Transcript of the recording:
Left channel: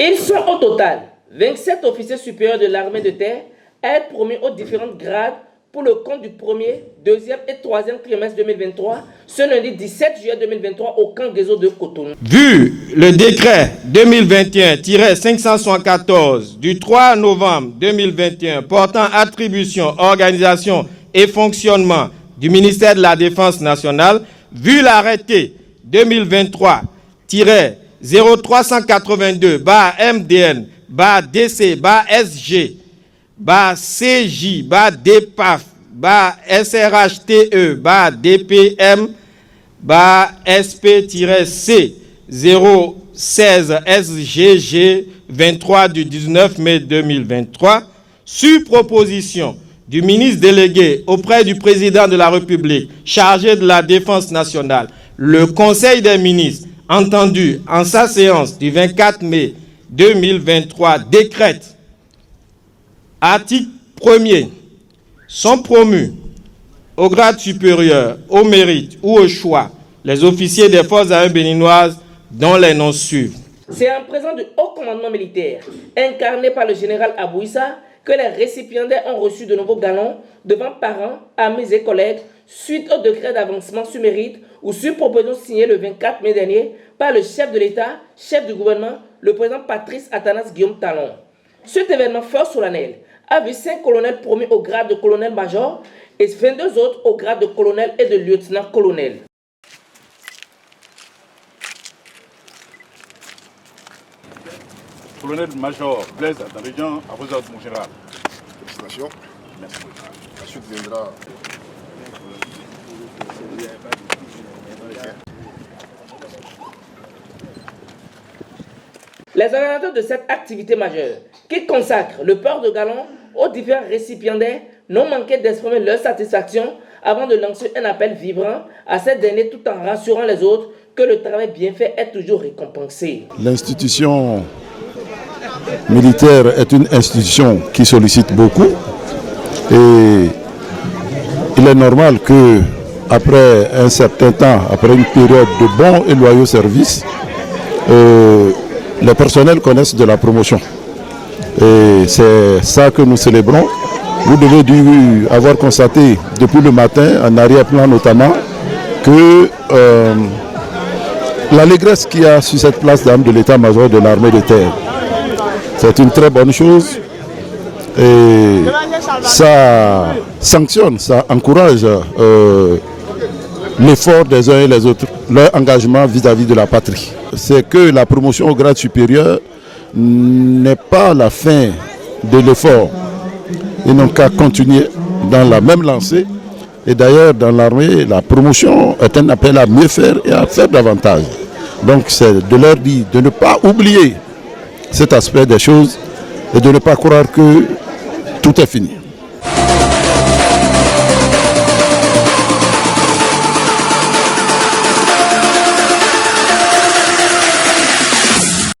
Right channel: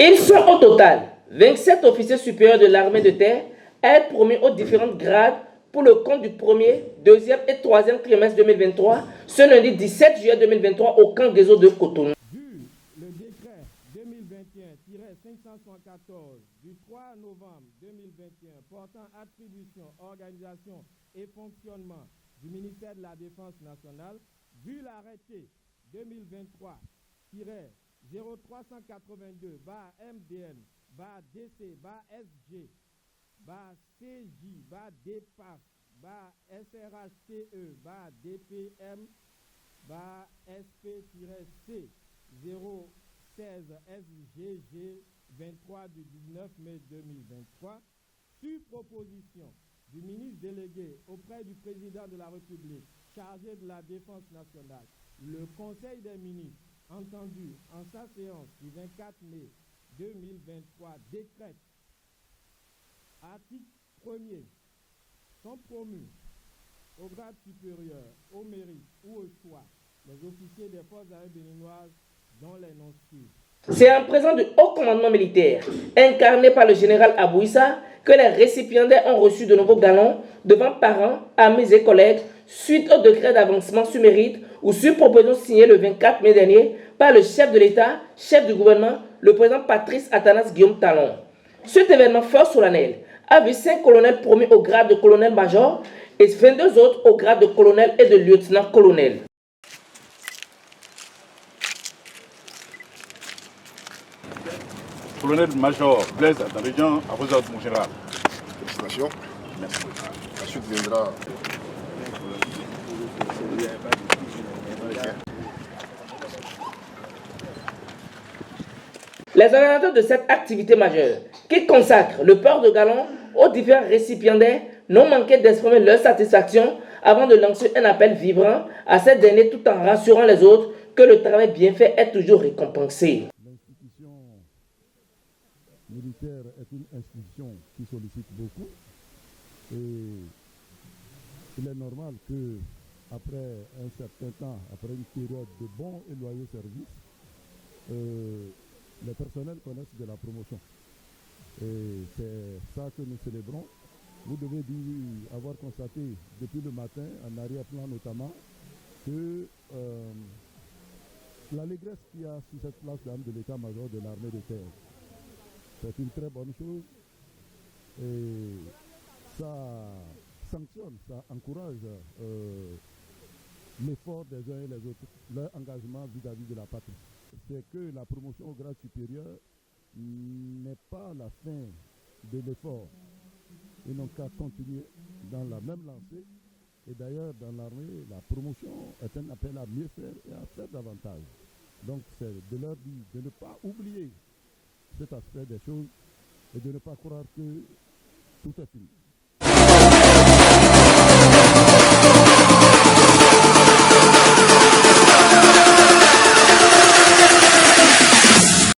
Ils sont au total 27 officiers supérieurs de l'armée de terre à être promus aux différents grades pour le compte du premier, deuxième et troisième trimestre 2023, ce lundi 17 juillet 2023 au camp des eaux de Cotonou. Vu le décret 2021-574 du 3 novembre 2021 portant attribution, organisation et fonctionnement du ministère de la Défense nationale, vu l'arrêté 2023-TRE-ZRO392-SC-DCJ-DPM-SP-C 016-SGG 23 du 19 mai 2023, sur proposition du ministre délégué auprès du président de la République chargé de la défense nationale, le Conseil des ministres, entendu en sa séance du 24 mai 2023, décrète, article 1er, sont promus au grade supérieur, au mérite ou au choix les officiers des forces armées béninoises dont les noms suivent. C'est en présence du haut commandement militaire, incarné par le général Abouissa, que les récipiendaires ont reçu de nouveaux galons devant parents, amis et collègues, suite au décret d'avancement sur mérite ou sur proposition signée le 24 mai dernier par le chef de l'État, chef du gouvernement, le président Patrice Athanas Guillaume Talon. Cet événement fort solennel a vu 5 colonels promus au grade de colonel-major et 22 autres au grade de colonel et de lieutenant-colonel. Colonel-major Blaise Adarignan, à vos ordres, mon général. Félicitations. Merci. La suite viendra. Les organisateurs de cette activité majeure, qui consacrent le port de galons aux différents récipiendaires, n'ont manqué d'exprimer leur satisfaction avant de lancer un appel vibrant à ces derniers tout en rassurant les autres que le travail bien fait est toujours récompensé. L'institution militaire est une institution qui sollicite beaucoup et il est normal que après un certain temps, après une période de bons et loyaux services, les personnels connaissent de la promotion. Et c'est ça que nous célébrons. Vous devez avoir constaté depuis le matin, en arrière-plan notamment, que l'allégresse qu'il y a sur cette place d'armes de l'état-major de l'armée de terre, c'est une très bonne chose et ça sanctionne, ça encourage l'effort des uns et les autres, leur engagement vis-à-vis de la patrie. C'est que la promotion au grade supérieur n'est pas la fin de l'effort. Ils n'ont qu'à continuer dans la même lancée. Et d'ailleurs, dans l'armée, la promotion est un appel à mieux faire et à faire davantage. Donc c'est de leur dire de ne pas oublier cet aspect des choses et de ne pas croire que tout est fini.